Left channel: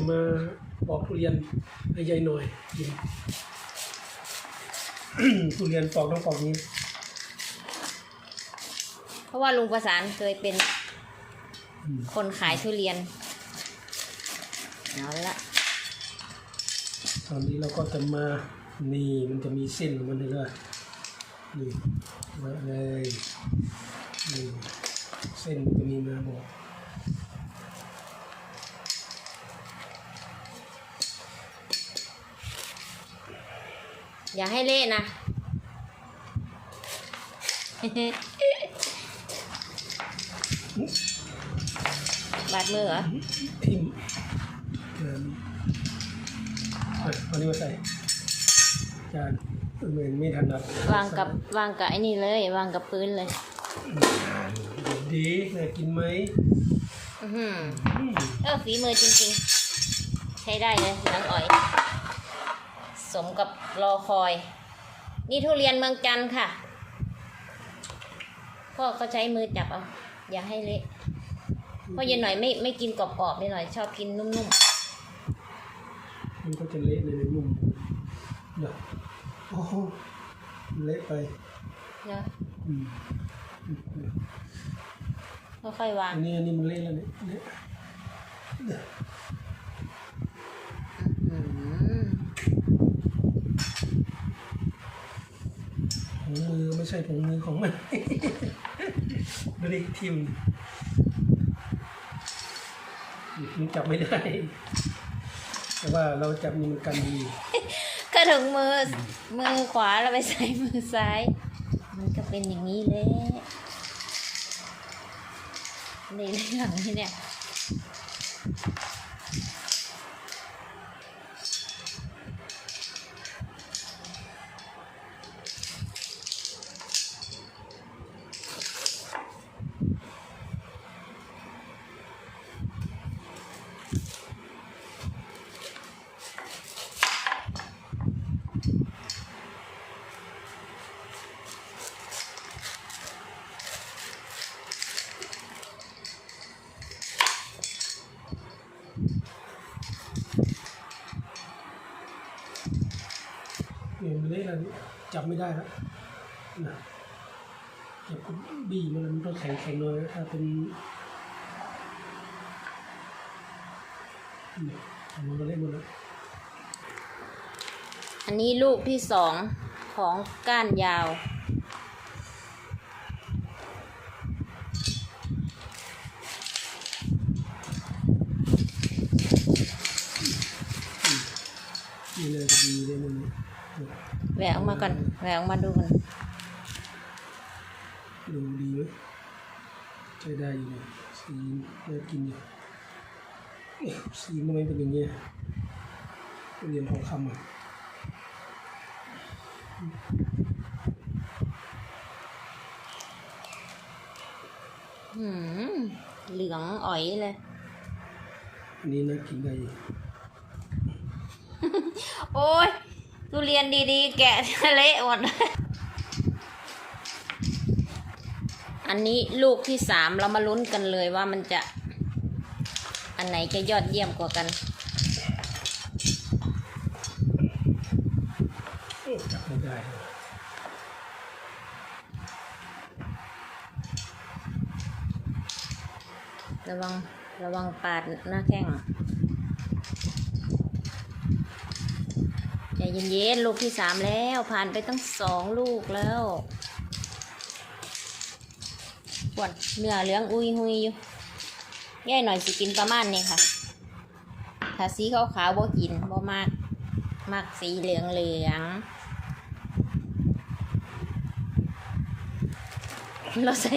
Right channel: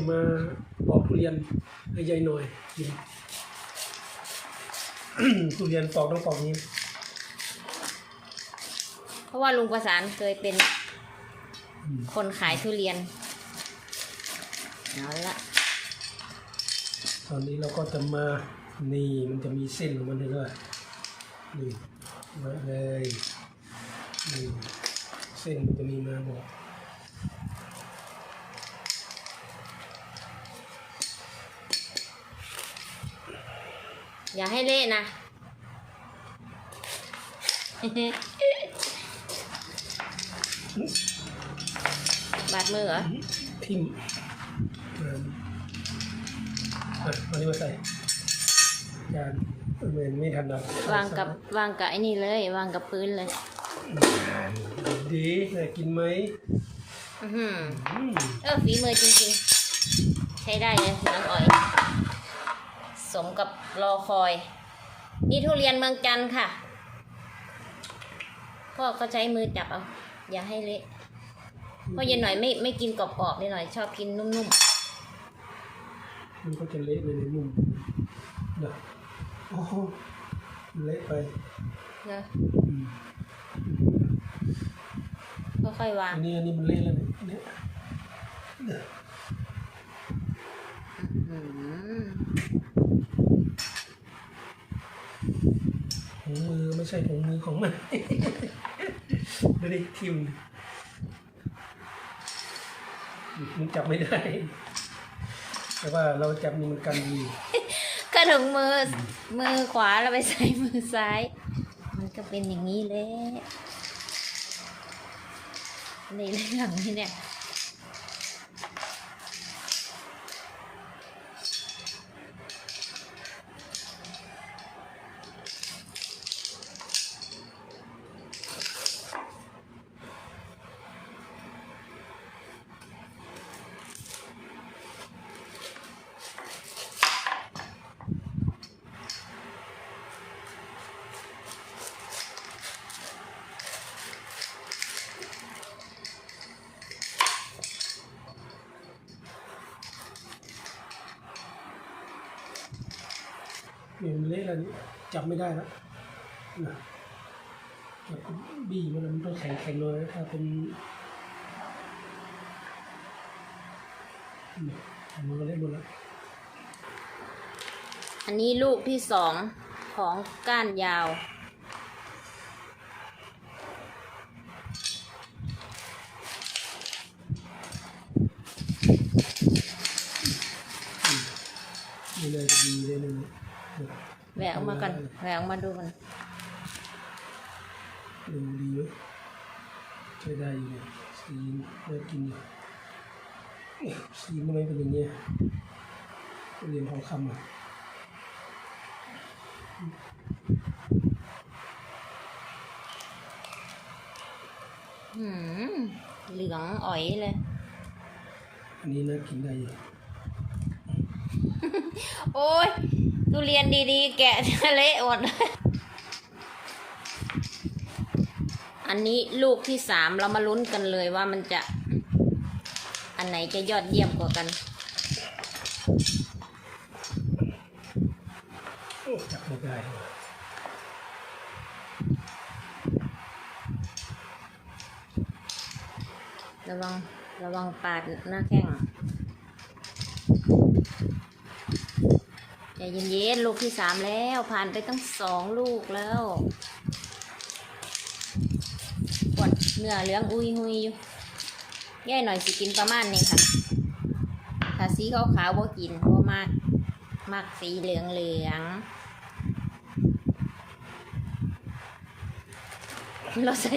ครับวันนี้จะมาปอกทุเรียนให้ยายหน่อยกินทุเรียนปอกต้องปอกนี้ เพราะว่าลุงประสานเคยเป็นอืมคนขายทุเรียนเอาละตอนนี้เราก็จะมานี่มันจะมีเส้นของมันเลยด้วยนี่ไว้เลยนี่เส้นมันจะมีมาบอก อย่าให้เละนะ บาดมือเหรอทิมเอออะเอานี้มาใส่จานเหมือนไม่ถนัดวางกับวางกับไอ้นี่เลย วางกับพื้นเลย ดีน่ากินไหมอื้อหืออืมเออฝีมือจริงๆ ใช้ได้เลยน้องอ๋อย สมกับรอคอย นี่ทุเรียนเมืองจันทร์ค่ะพ่อก็ใช้มือจับเอา อย่าให้เละเพราะเย็นหน่อยไม่ไม่กินกรอบๆเย็นหน่อย ชอบกินนุ่มมันก็จะเละเลยในนุ่มนะโอ้โหเละไปๆนะอืมค่อยๆวางอันนี้อันนี้มันเละแล้วเนี่ยเนี่ยอื้อหือ ถุงมือไม่ใช่ถุงมือของมันดูดิทิมมันจับไม่ได้ แต่ว่าเราจับมันกันดีก็ถึงมือมือขวาแล้วไปใส่มือซ้าย มันก็เป็นอย่างนี้แหละในเรื่องนี้เนี่ย เนี่ยมันเละแล้วนี่จับไม่ได้แล้วนะจับก็บี้มันมันต้องแข็งแข็งๆเลยถ้าเป็นเนี่ยมันก็เละหมดแล้วอันนี้ลูกที่สองของก้านยาวนี่เลยดีเลยมันเนี่ย แหวกออกมาก่อนแหวกออกมาดูกันดูดีไหมใช้ได้อยู่เลยสีน่ากินอยู่เอ๊ะสีมันไม่เป็นอย่างเงี้ยเรียนทองคำอะหืมเหลืองอ๋อยเลย อันนี้น่ากินได้อยู่ โอ้ย ทุเรียนดีๆ แกะทะเละหมดอันนี้ลูกที่สามเรามาลุ้นกันเลยว่ามันจะ อันไหนจะยอดเยี่ยมกว่ากันจับไม่ได้ระวังระวังปาดหน้าแข้งใจ เย็นๆลูกที่สามแล้ว ผ่านไปตั้งสองลูกแล้วปวดเนื้อเหลืองอุยหุยอยู่แย่หน่อยสิกินประมาณนี้ค่ะถ้าสีขาวขาวๆบ่กินบ่มากมากสีเหลืองเหลืองเราใส่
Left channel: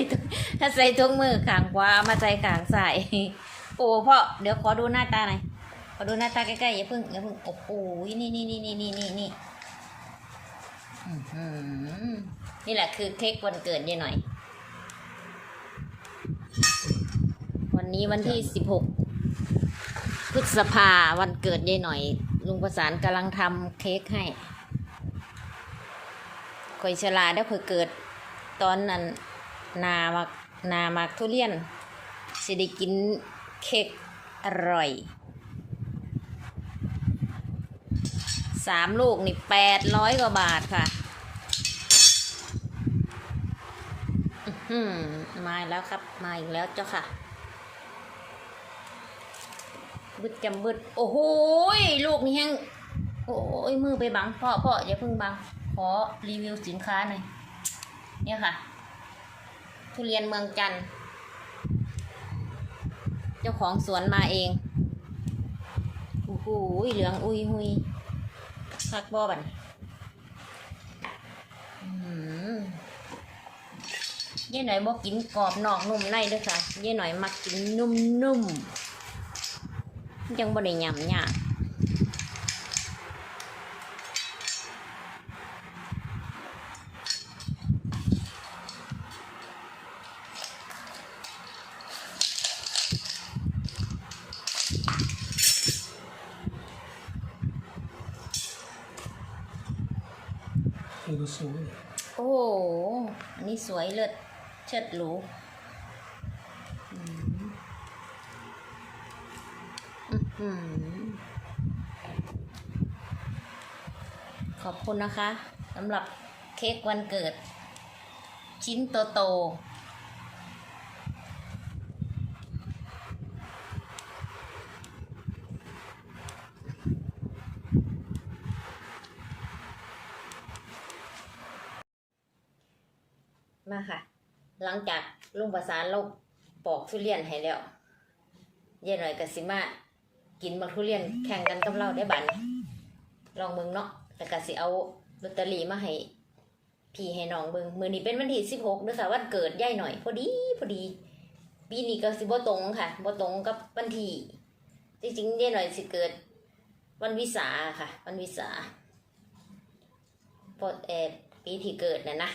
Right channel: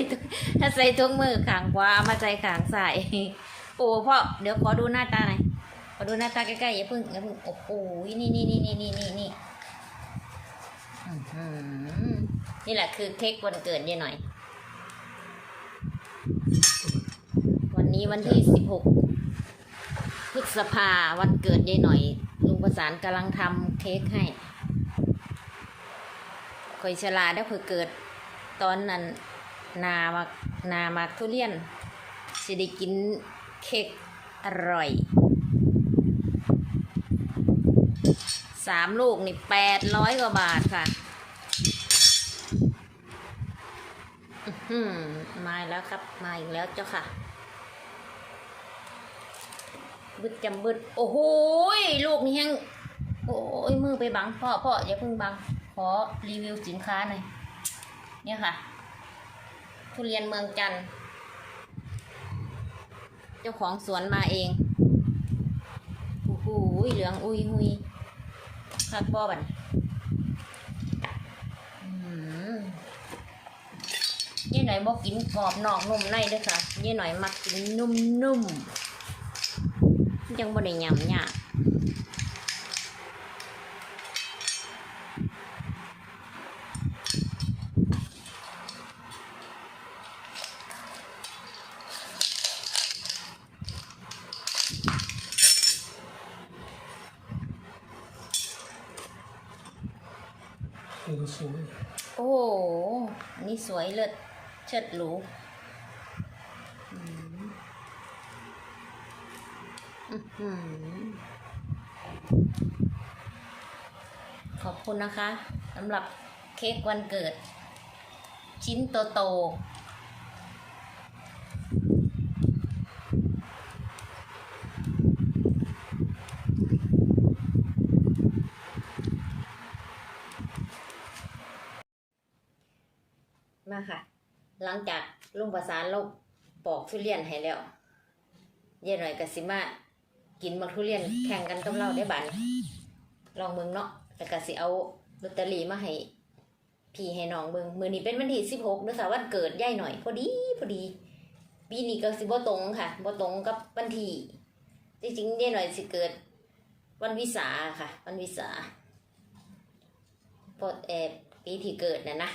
ถ้าใส่ถุงมือขางขวาเอามาใส่ขางซ้ายโอ้พ่อเดี๋ยวขอดูหน้าตาหน่อย ขอดูหน้าตาใกล้ๆอย่าเพิ่งอย่าเพิ่งโอ้โหนี่นี่นี่นี่นี่นี่นี่อื้อหือนี่แหละคือเค้กวันเกิดยายหน่อย วันนี้วันที่สิบหกพฤษภาวันเกิดยายหน่อย ลุงประสานกำลังทำเค้กให้ข่อยฉลาดแล้วข่อยเกิดตอนนั้นนามักนามักทุเรียนสิได้กินเค้กอร่อย สามลูกนี่แปดร้อยกว่าบาทค่ะอือหือมาแล้วครับ มาอีกแล้วเจ้าค่ะ บึดจำบึด โอ้โหลูกนี่ยังโอ้ยมือไปบังพ่อพ่ออย่าเพิ่งบัง ขอรีวิวสินค้าหน่อย เนี่ยค่ะ ทุเรียนเมืองจันทร์เจ้าของสวนมาเอง โอ้โหเหลือง อุยหุย คักบอบันยี่หน่อยบอกกินกรอบนอกนุ่มในเด้วยค่ะยี่หน่อยมักกินนุ่มๆยังบ่ได้ยำยาก สวยโอ้โห อันนี้สวยเลิศเชิดหรูขอบคุณนะคะสำหรับเค้กวันเกิด ชิ้นโตโตๆมาค่ะ หลังจากลุงประสานเราปอกทุเรียนให้แล้วเย่หน่อยกับสิมากินมักทุเรียนแข่งกันกับเราได้บันลองเบิ่งเนาะแต่ก็สิเอาลอตเตอรี่มาให้พี่ให้น้องเบิงมือนี้เป็นวันที่สิบหกด้วยค่ะวันเกิดย่ายหน่อย พอดีพอดี ปีนี้ก็สิบ่ตรงค่ะบ่ตรงกับวันที่จริงๆย่ายหน่อยสิเกิด วันวิสาค่ะ วันวิสาพอเอปีที่เกิดน่ะนะ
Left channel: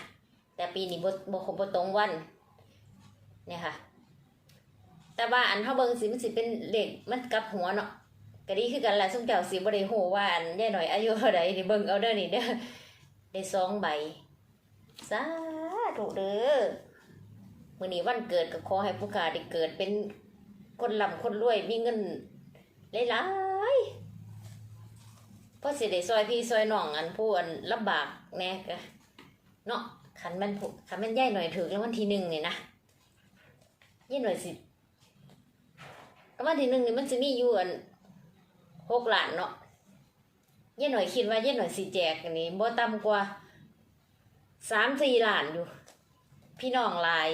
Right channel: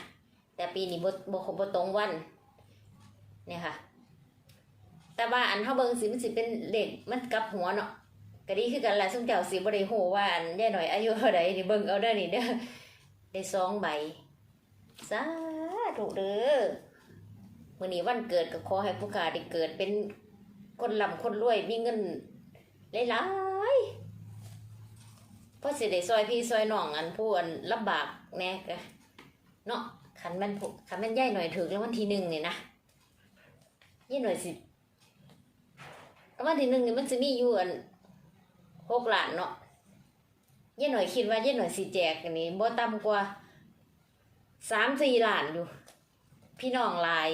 แต่ปีนี้บ่บ่บ่ตรงวันเนี่ยค่ะ แต่ว่าอันเท่าเบิงสิมันสิเป็นเลขมันกลับหัวเนาะก็ดีคือกันแหละซุ่มเจ้าสิบ่ได้ฮู้ว่าอันย่หน่อยอายุเท่าใดนี่เบิ่งเอาเด้อนี่เด้อได้สองใบสาธุเด้อมื่อนี้วันเกิดก็ขอให้ผู้ขาได้เกิดเป็นคนร่ำคนรวยมีเงินหลายๆเพราะสิได้ซอยพี่ซอยน้องอันผู้อันลำบากแน่กะเนาะ ขันมันผู้ขันมันย่ายหน่อยถึงแล้ววันที่หนึ่งนี่นะย่ายหน่อยสิแล้ววันที่หนึ่งนี่มันจะมีอยู่อันหกล้านเนาะย่ายหน่อยคิดว่าย่ายหน่อยสิแจกอันนี้บ่ต่ำกว่าสามสี่หลานอยู่ พี่น้องหลาย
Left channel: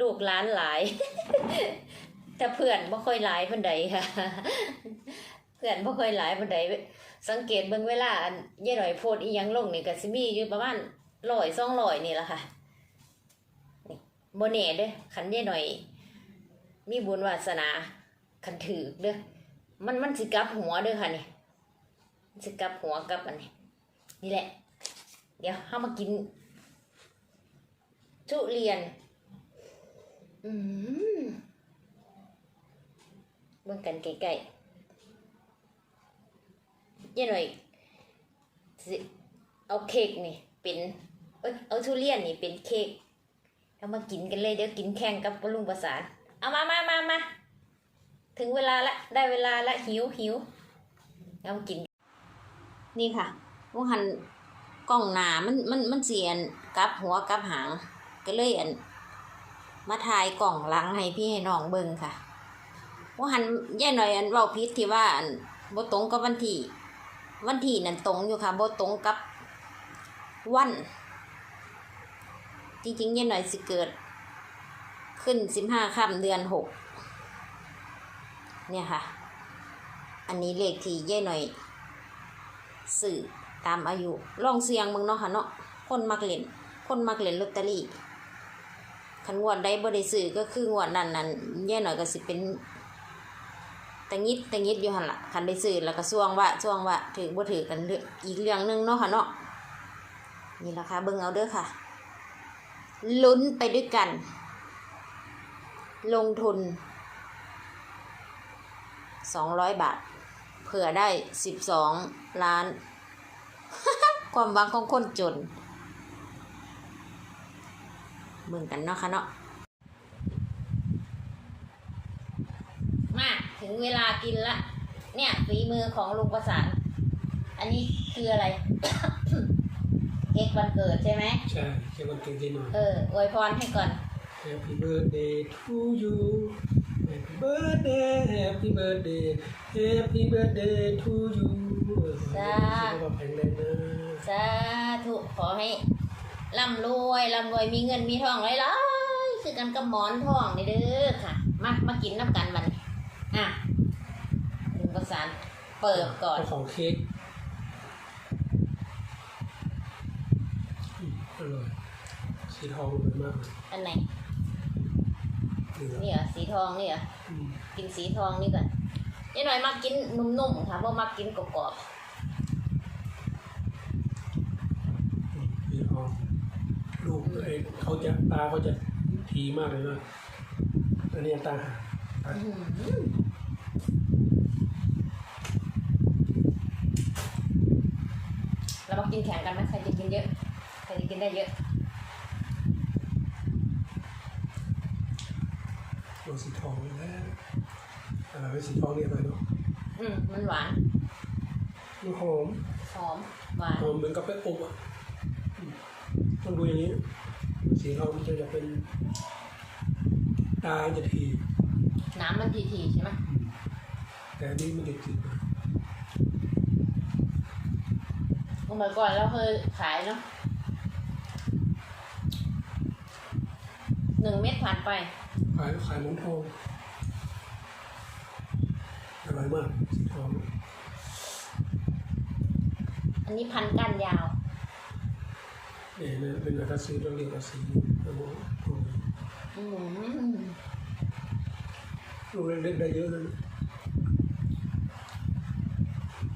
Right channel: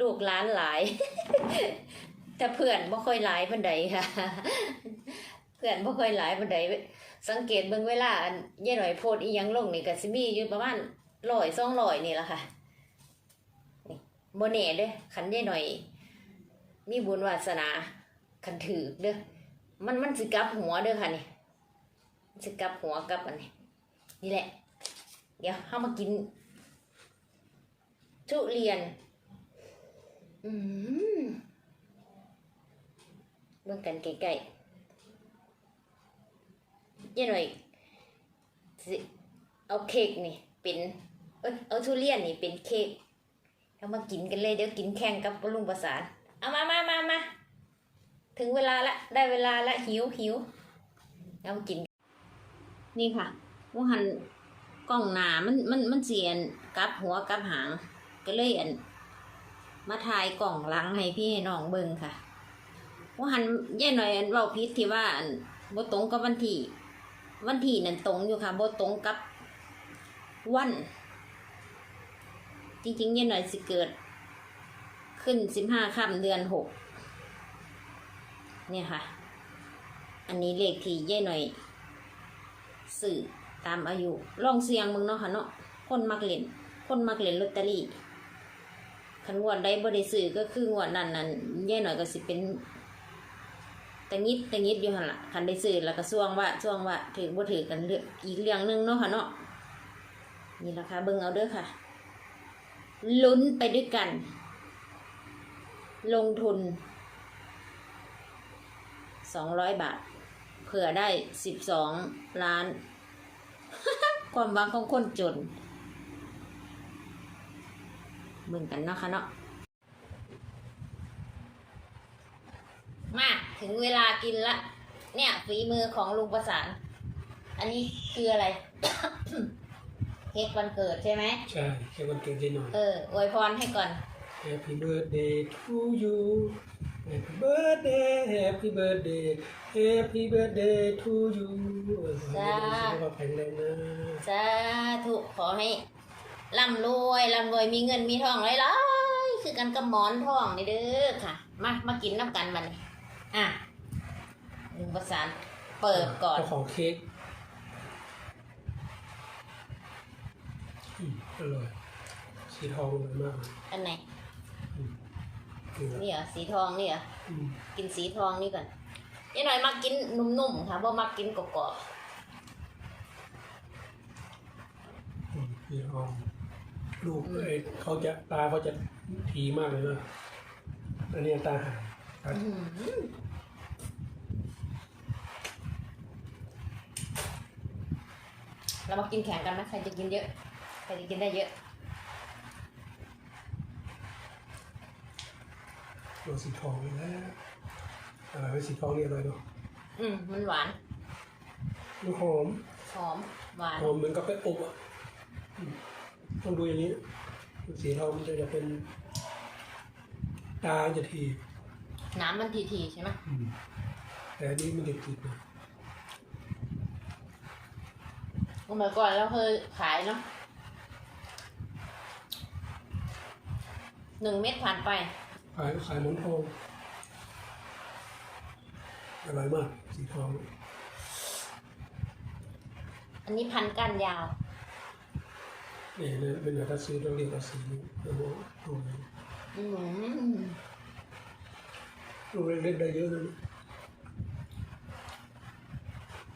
ลูกหล้านหลาย แต่เพื่อนบ่ค่อยหลายปันใดค่ะ เพื่อนบ่ค่อยหลายปันใดสังเกตเบิ่งเวลาอันย่หน่อยโพดอีหยังลงนี่ก็สิมีอยู่ประมาณ ร้อยสองร้อยนี่แหละค่ะนี่บ่แน่เด้อคันย่หน่อย มีบุญวาสนาคันถือเด้อมันมันสิกลับหัวเด้อค่ะนี่สิกลับหัวกลับอันนี้นี่แหละ เดี๋ยวเข้ามากิน ทุเรียน อืมเบิ่งกันใกล้ๆยันหน่อยสิเอาเค้กนี่เป็น เออาทุเรียนนี่เป็นเค้กเอามากินกันเลยเดี๋ยวกินแข่งกับลุงประสาน เอามามามามาถึงเวลาละได้เวลาละหิวหิวเอามากิน นี่ค่ะว่าหันกล้องหนามันมันมันเสียนกับหัวกับหาง ก็เลยอันมาถ่ายกล่องหลังให้พี่ให้น้องเบิ่งค่ะว่าหันแย่หน่อยอันเว้าพิษที่ว่าอันบ่ตรงกับวันที่ วันที่นั่นตรงอยู่ค่ะบ่ตรงกับวัน จริงๆแย่หน่อยสิเกิด ขึ้นสิบห้าค่ำเดือนหกเนี่ยค่ะ อันนี้เลขที่แย่หน่อยสื่อตามอายุลองเสียงมึงเนาะค่ะเนาะคนมักเล่นคนมักเล่นลอตเตอรี่คันงวดใดบ่ได้ซื้อก็คืองวดนั้นนั้นแย่หน่อยก็สิเป็นตะงิดตะงิดอยู่หันละคันได้ซื้อแล้วก็ช่วงว่าช่วงว่าถือบ่ถือกันเรื่องอีกเรื่องหนึงเนาะค่ะเนาะนี่ราคาเบิ่งเอาเด้อค่ะ ลุ้นไปด้วยกัน ลงทุนสองร้อยบาท เผื่อได้สิบสองล้าน ความหวังของคนจนเบิ่งกันเนาะค่ะเนาะมาถึงเวลากินละ เนี่ยฝีมือของลุงประสาน อันนี้คืออะไร เค้กวันเกิดใช่ไหมใช่แค่วันเกิดได้หน่อยเอออวยพรให้ก่อน Happy birthday to you Happy birthday Happy birthday Happy birthday to you จ้าสุขภาพแข็งแรงนะสาธุขอให้ร่ำรวยร่ำรวยมีเงินมีทองหลายๆคือกันกับหมอนทองนี่เด้อค่ะ มามากินน้ำกันมันอะหนึ่งประสานเปิดก่อนเจ้าของเค้ก อืมอร่อยสีทองเลยมากเลยอันไหน นี่ครับนี่เหรอสีทองนี่เหรอ อืมกินสีทองนี่ก่อนนี่หน่อยมากินนุ่มๆค่ะเพราะมากินกรอบอืมสีทองลูกไอ้เขาจะตาเขาจะทีมากเลยนะอันนี้ตาหางตาๆอื้อหือเรามากินแข่งกันไหมใครจะกินเยอะ ใครจะกินได้เยอะตัวสีทองเลยแล้วอะไรไว้สีทองนี่อะไรเนาะอืมมันหวานมันหอมหอมหวานหอมเหมือนกับแป้งอบอะอืมต้องดูอย่างนี้ สีทองมันจะจะเป็นตาจะทีน้ำมันทีๆใช่ไหมอืมแต่อันนี้มันเด็ดติดนะเมื่อก่อนเราเคยขายเนาะ หนึ่งเม็ดผ่านไป ขายขายหมอนทองอร่อยมากสีทองอันนี้พันก้านยาว เนี่ยนะเป็นอะไรถ้าซื้อต้องเรียกว่าสีโอ้โหโอ้โหอืมลูกเล็กๆได้เยอะเลยนะ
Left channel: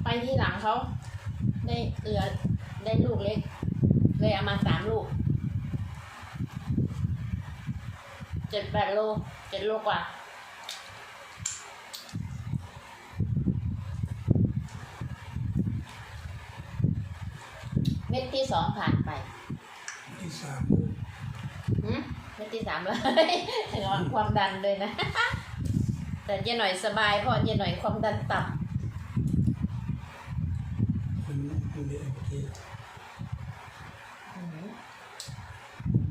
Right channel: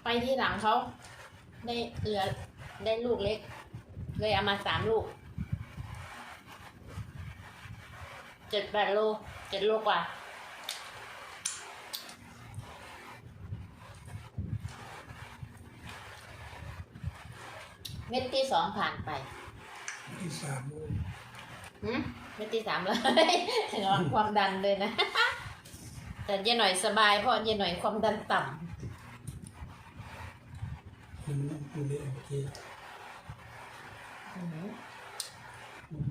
ไปที่หลังเขาได้เหลือได้ลูกเล็ก เลยเอามาสามลูก เจ็ดแปดโลเจ็ดโลกว่า เม็ดที่สองผ่านไปที่สามหืมเม็ดที่สามเลยระวังความดันเลยนะ แต่เจ๊หน่อยสบายเพราะเจ๊หน่อยความดันต่มันมันเนี่ยโอเคำอืม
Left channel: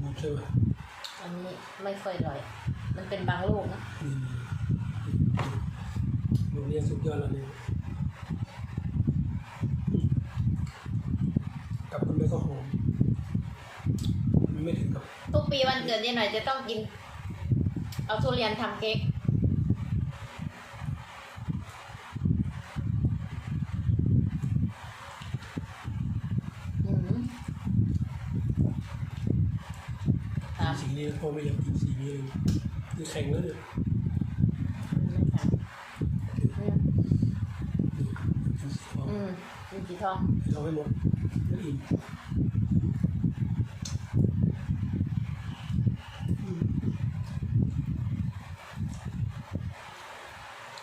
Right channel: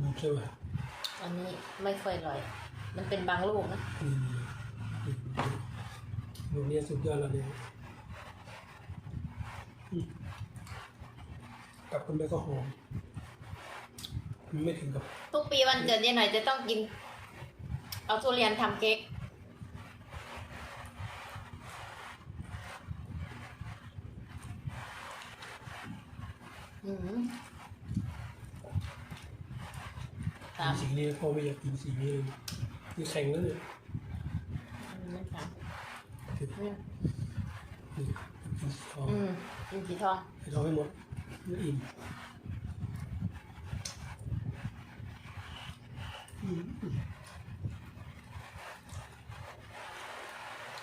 มันใช่ไหม อันนี้ไม่ค่อยอร่อย มันเป็นบางลูกนะนี่นี่ลูกเนี้ยสุดยอดแล้วเนี่ยอืมกับมันไม่ก็หอมมันไม่ถึงกับ ทุกปีวันเกิดเจ๊หน่อยจะต้องกิน เอาทุเรียนทำเค้กอืม สามสีนี้พ่อไม่อยากกินสีนี้เลยนี่แข็งแล้วเนี่ยไม่สามอืมนี่กินสีทองอืมกินสีทองสีทองให้หมดไม่อิ่มอืม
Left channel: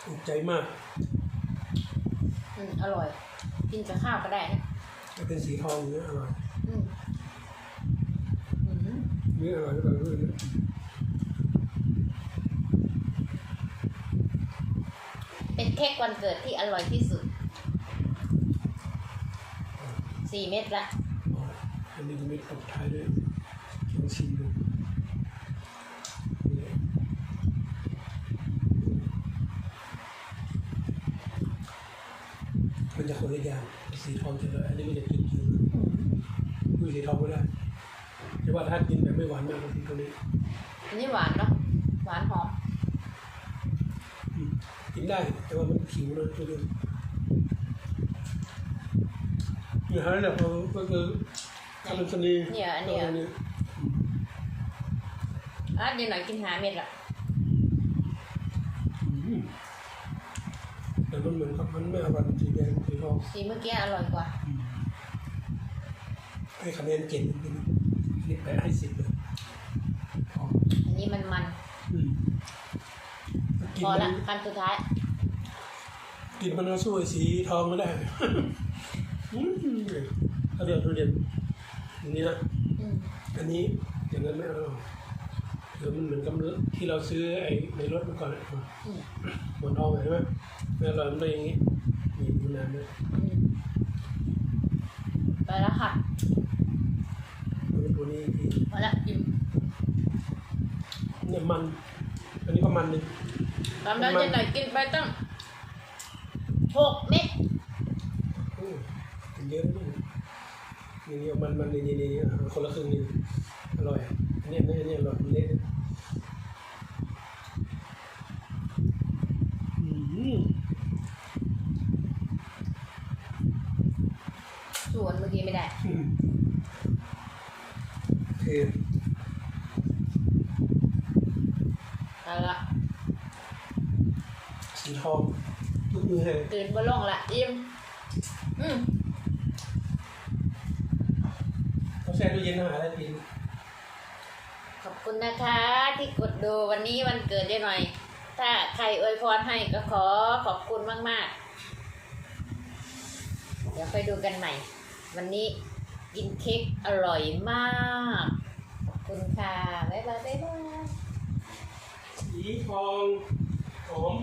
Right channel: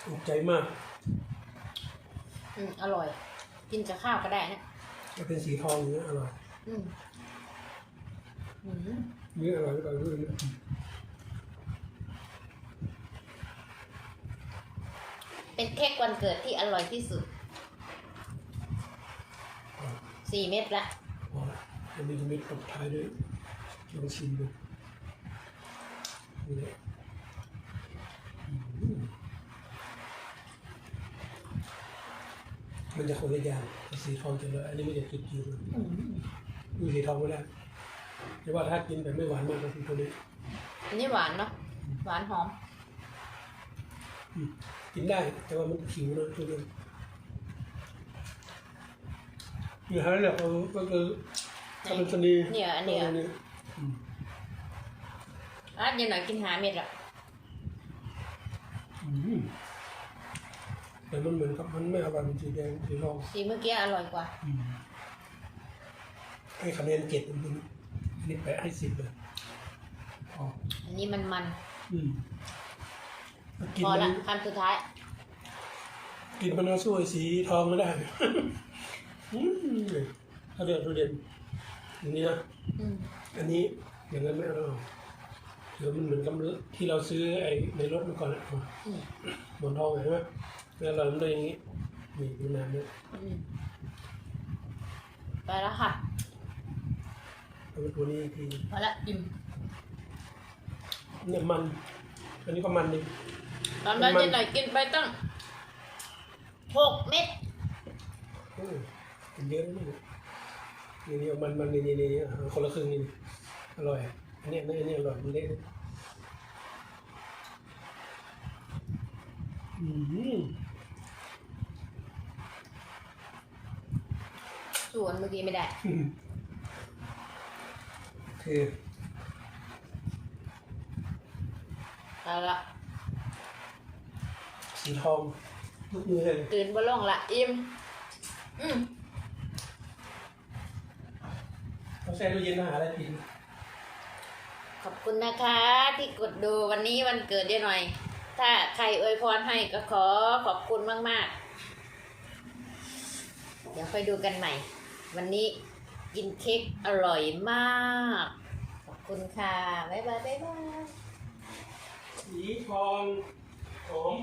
ถูกใจมากอืมอร่อย กินกับข้าวก็ได้นะถ้าเป็นสีทองอย่างเงี้ยอร่อย อืมอืม นี่อร่อยอร่อยเลยนะเป็นเค้กวันเกิดที่อร่อยที่สุด สี่เม็ดละอันนี้จะมีตบท้ายด้วยลองชิมดูมันจะคนละอย่างสีทองจะเลยอันนี้มันจะติดอยู่ดูสีทองไม่ได้ แต่ว่าถ้ากินแบบไม่หวานมากก็คือตัวนี้อันนี้หวานเนาะหวานหอมอืมกินได้ แต่ว่ามันขิวนะตัวเดียวอย่างนั้นแหละเขาก็คือคาร์บอนสนีเนี่ยอันเนี้ยตัวนี้อะเดี๋ยวหน่อยกินหาเม็ดละอืมแต่มันเหมือนกับมันไม่อร่อยเป็นสีแดงสีทองสีเมื่อกี้อร่อยกว่า อืมให้คะแนนเก่งจริงๆอั นนี้แปะให้สิบเลยพออันนี้มันมันอืมกินพอมัละนคันสุดท้าย กินมันเอาสู้ไอ้สีทองไม่ได้ อืมถ้าเดือดทุเรียนอย่างนี้นะ อืมอันนี้อย่างนั้นไม่อร่อยเดี๋ยวมันเหมือนกับที่เราซื้อไอ้ในรถมาก่อนอะอืมหมอนทองเห็นไหมไม่อร่อยมันต้องอย่างนี้นี่ดูน้ำเลยอืมไปแล้วค่ะ ตัวนี้ตัวนี้อีกพอละอิ่มเนี่ยมัน อันนี้ก็มันนี่ตอนนั้นเย็นหน่อยกินไปตั้งหกเม็ดอืมกินเยอะนะนี่นี่นี่เอามันมันนี่นี่นี่อะเอาคนละครึ่งนี่อร่อยอันนี้อันนี้อันนี้อร่อยมันเละอืมส่วนเมื่อกี้ไม่ได้ คือไปละสีทองทุกมือเลยตื่นบนล่องละอิ่มอืมต้องแช่ตู้เย็นนะหาอะไรกินขอบคุณนะคะ ที่กดดูวันนี้วันเกิดได้หน่อย ถ้าใครอวยพรให้ก็ขอขอบคุณมาก ๆ เดี๋ยวค่อยดูกันใหม่ วันนี้กินเค้กอร่อยมากขอบ คุณค่ะ บ๊ายบายบ๊ายบาย สีทองผม